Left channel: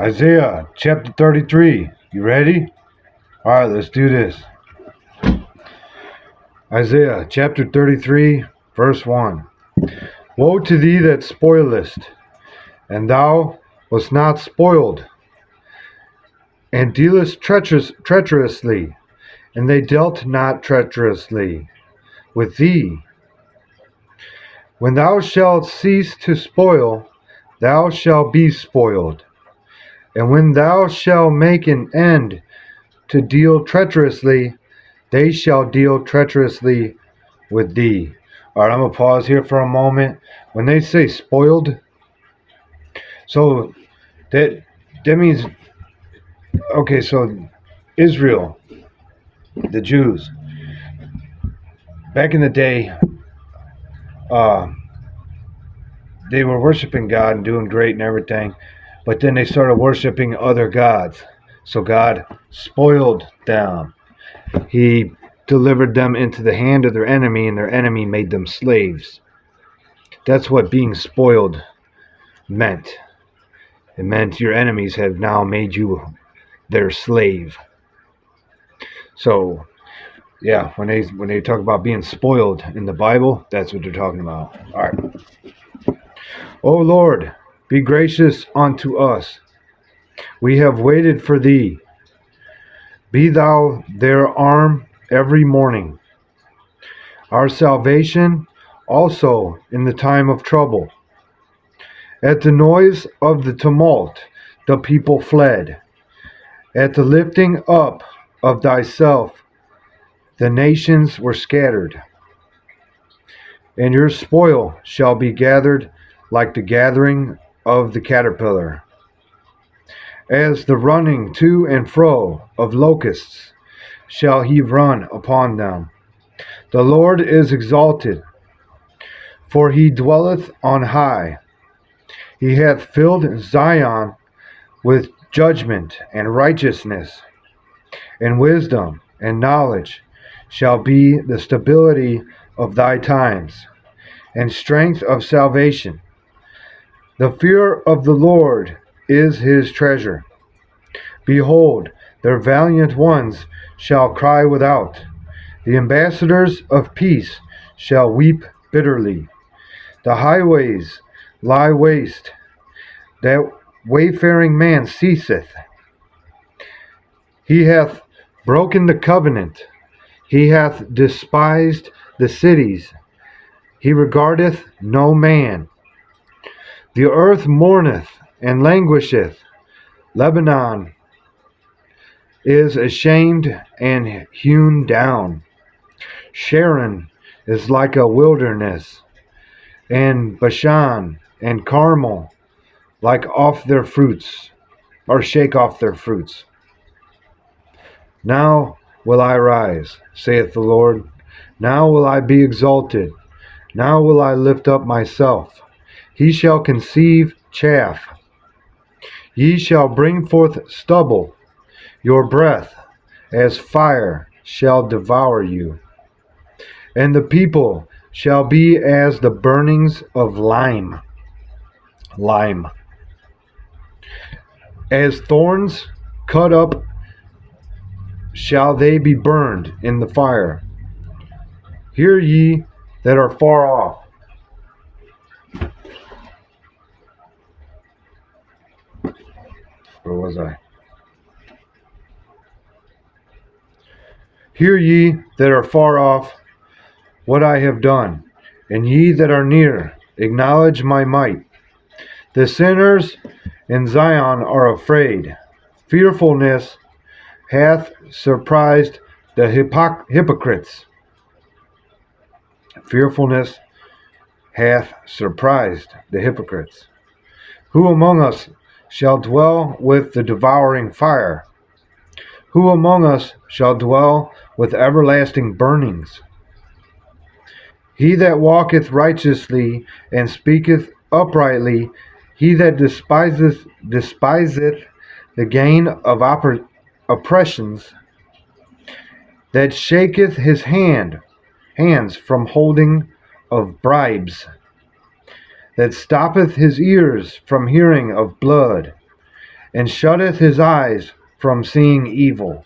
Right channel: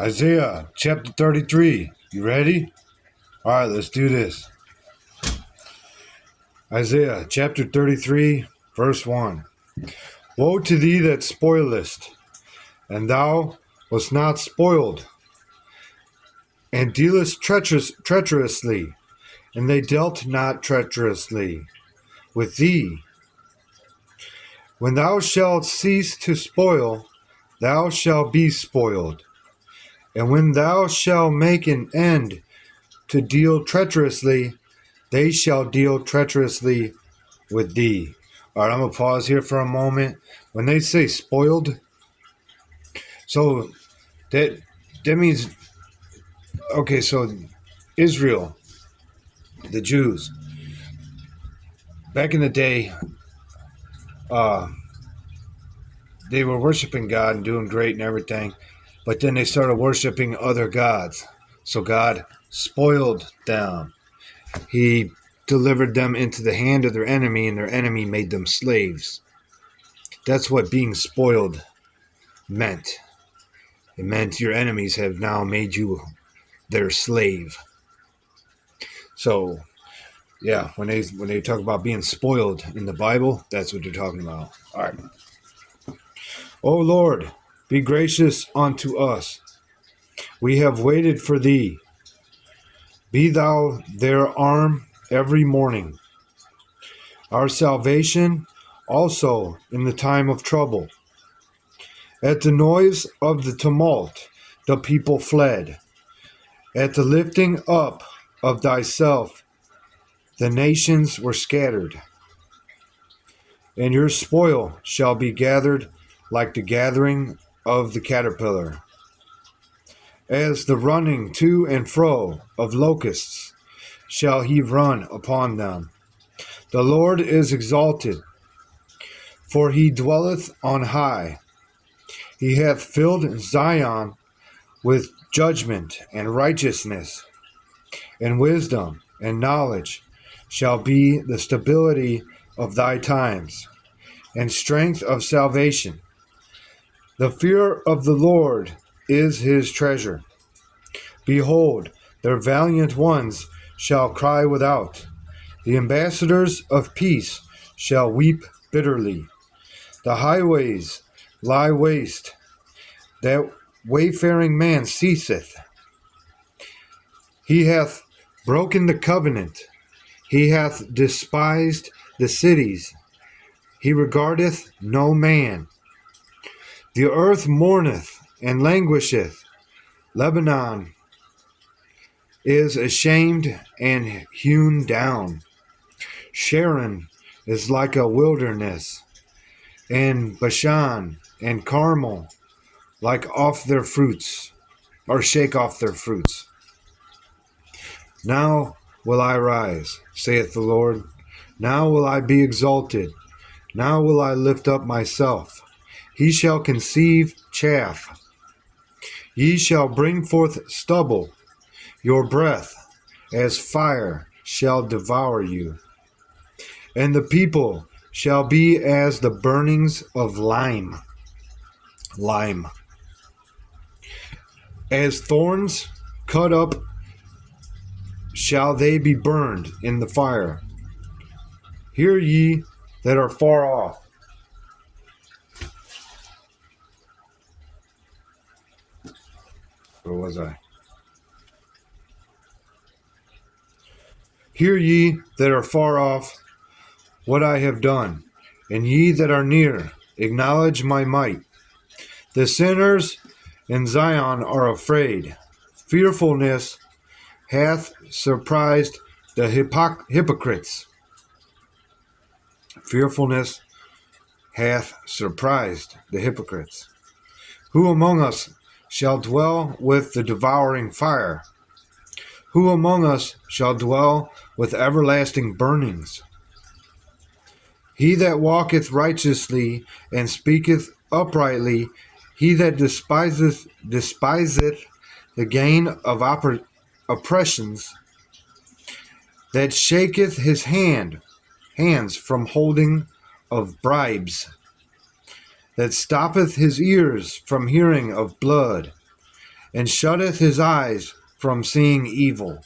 Isaiah chapter 33. You ready? All right, let's do this. Isaiah chapter 33, verse 1. Woe to thee that spoilest, and thou wast not spoiled, and dealest treacherously, and they dealt not treacherously with thee. When thou shalt cease to spoil, thou shalt be spoiled. And when thou shalt make an end to deal treacherously, they shall deal treacherously with thee. All right, I'm going to pause here for a moment. When they say spoiled, so that means, okay, so Israel, the Jews, back in the day, they were worshiping God and doing great and everything, but then they started worshiping other gods. So God spoiled them. He delivered them into the hand of their enemy, and their enemy made them slaves. That's what being spoiled meant. It meant your enemies have now made you their slave. So, yeah, when they talk about being spoiled in the Bible, that's what they're talking about. All right. O Lord, be gracious unto us. We have waited for thee. Be thou their arm every morning, our salvation also in the time of trouble. At the noise of the tumult, the people fled. At the lifting up of thyself, the nations were scattered. And your spoil shall be gathered like the gathering of the caterpillar, as the running to and fro of locusts shall he run upon them. The Lord is exalted, for he dwelleth on high. He hath filled Zion with judgment and righteousness, and wisdom and knowledge shall be the stability of thy times, and strength of salvation. The fear of the Lord is his treasure. Behold, their valiant ones shall cry without. The ambassadors of peace shall weep bitterly. The highways lie waste. That wayfaring man ceaseth. He hath broken the covenant. He hath despised the cities. He regardeth no man. The earth mourneth and languisheth. Lebanon is ashamed and hewn down. Sharon is like a wilderness, and Bashan and Carmel like off their fruits, or shake off their fruits. Now will I rise, saith the Lord. Now will I be exalted. Now will I lift up myself. He shall conceive chaff. Ye shall bring forth stubble. Your breath as fire shall devour you. And the people shall be as the burnings of lime. As thorns cut up shall they be burned in the fire. Hear ye that are far off. Where was I? Hear ye that are far off what I have done, and ye that are near, acknowledge my might. The sinners in Zion are afraid. Fearfulness hath surprised the hypocrites. Fearfulness hath surprised the hypocrites. Who among us shall dwell with the devouring fire? Who among us shall dwell with everlasting burnings? He that walketh righteously and speaketh uprightly, he that despiseth the gain of oppressions, that shaketh his hands from holding of bribes, that stoppeth his ears from hearing of blood, and shutteth his eyes from seeing evil.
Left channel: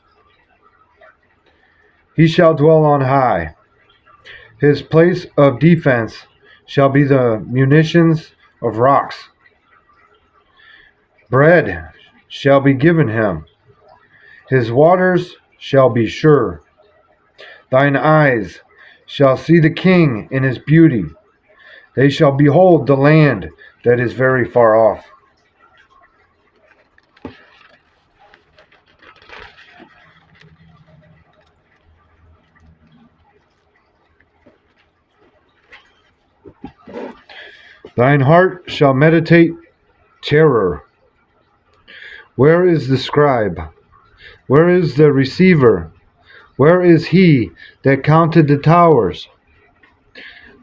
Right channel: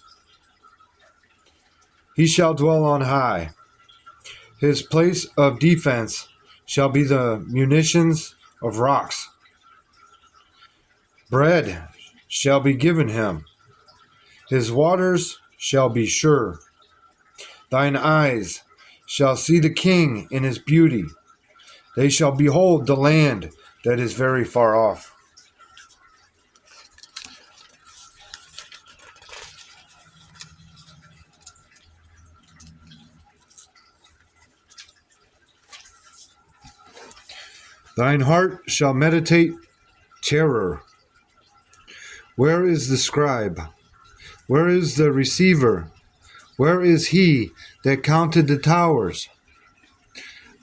He shall dwell on high. His place of defense shall be the munitions of rocks. Bread shall be given him. His waters shall be sure. Thine eyes shall see the king in his beauty. They shall behold the land that is very far off. Thine heart shall meditate terror. Where is the scribe? Where is the receiver? Where is he that counted the towers?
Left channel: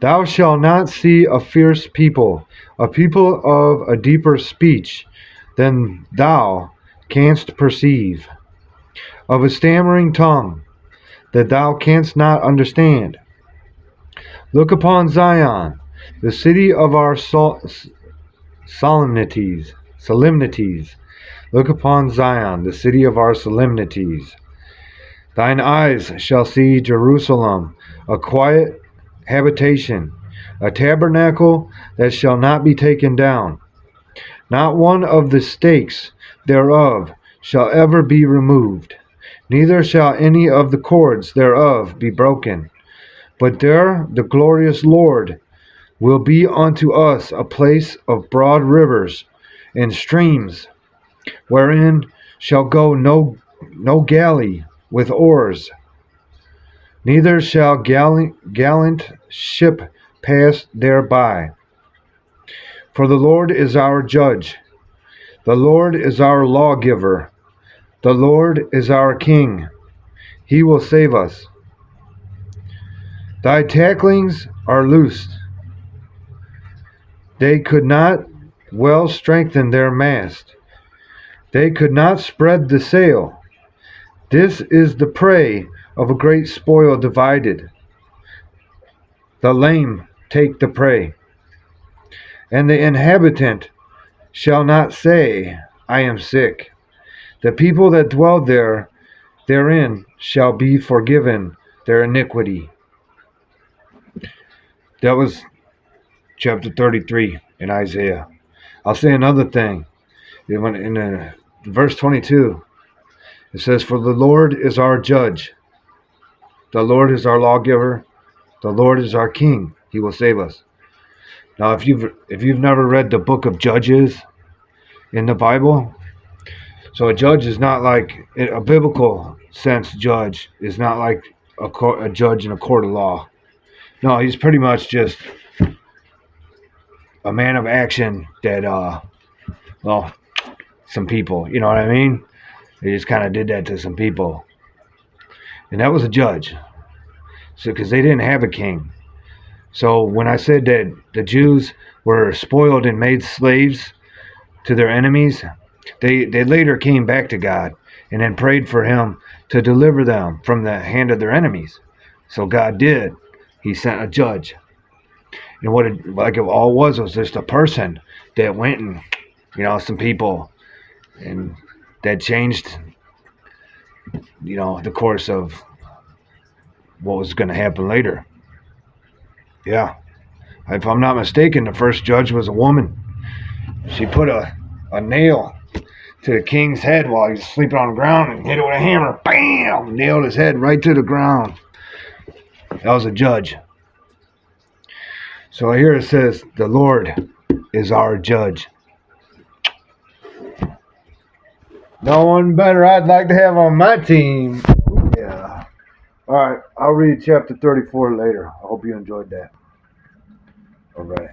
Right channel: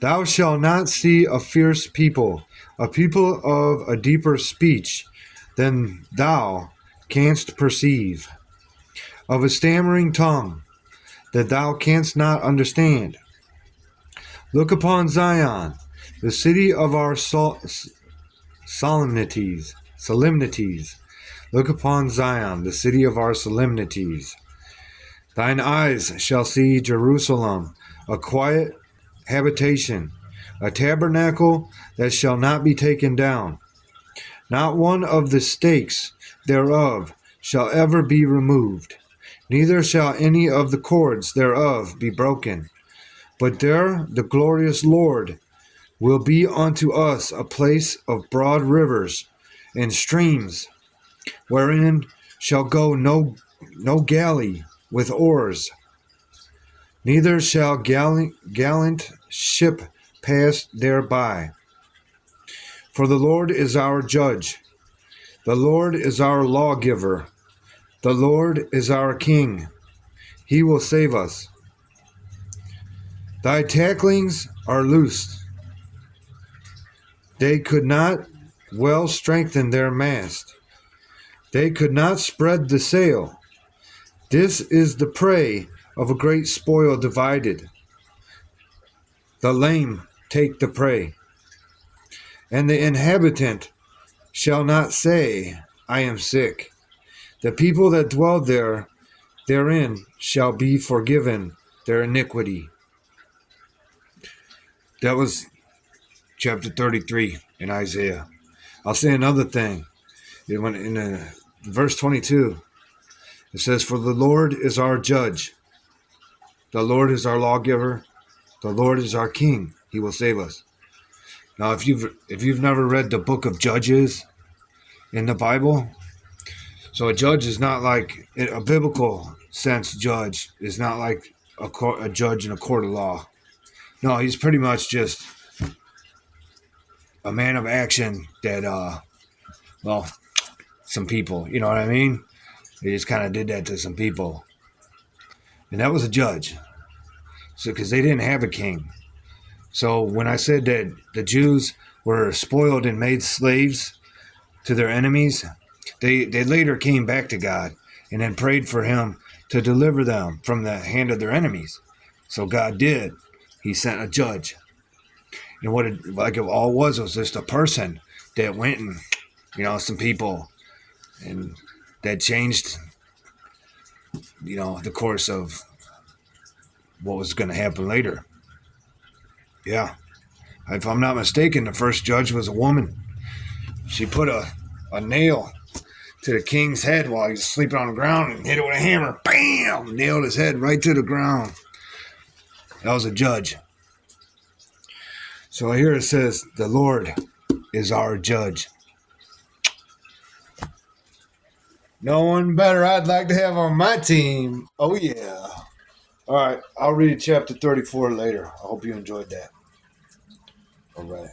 Thou shalt not see a fierce people, a people of a deeper speech than thou canst perceive, of a stammering tongue that thou canst not understand. Look upon Zion, the city of our solemnities. Look upon Zion, the city of our solemnities. Thine eyes shall see Jerusalem, a quiet habitation, a tabernacle that shall not be taken down. Not one of the stakes thereof shall ever be removed, neither shall any of the cords thereof be broken. But there the glorious Lord will be unto us a place of broad rivers and streams, wherein shall go no galley with oars, neither shall gallant ship pass thereby. For the Lord is our judge, the Lord is our lawgiver, the Lord is our king. He will save us. Thy tacklings are loosed. They could not well strengthen their mast. They could not spread the sail. This is the prey of a great spoil divided. The lame take the prey, and the inhabitant shall not say, I am sick. The people that dwell therein shall be forgiven their iniquity. That was chapter 33 in Isaiah. I'll say another thing. In verse 22, it says, For the Lord is our judge. The Lord is our lawgiver. The Lord is our king. He will save us. Now, if you've never read the book of Judges in the Bible, so a judge is not like, in a biblical sense, judge is not like a judge in a court of law. No, he's pretty much just a man of action that, some people, you know what I mean? They just kind of did that to some people. And that was a judge. So, because they didn't have a king. So when I said that the Jews were spoiled and made slaves to their enemies, they later came back to God and then prayed for him to deliver them from the hand of their enemies. So God did. He sent a judge. And what it all was just a person that went and, some people, and that changed, the course of what was going to happen later. Yeah. If I'm not mistaken, the first judge was a woman. She put a nail to the king's head while he was sleeping on the ground and hit it with a hammer. Bam! Nailed his head right to the ground. That was a judge. So here it says, the Lord is our judge. No one better I'd like to have on my team. Oh, yeah. All right. I'll read chapter 34 later. I hope you enjoyed that. All right.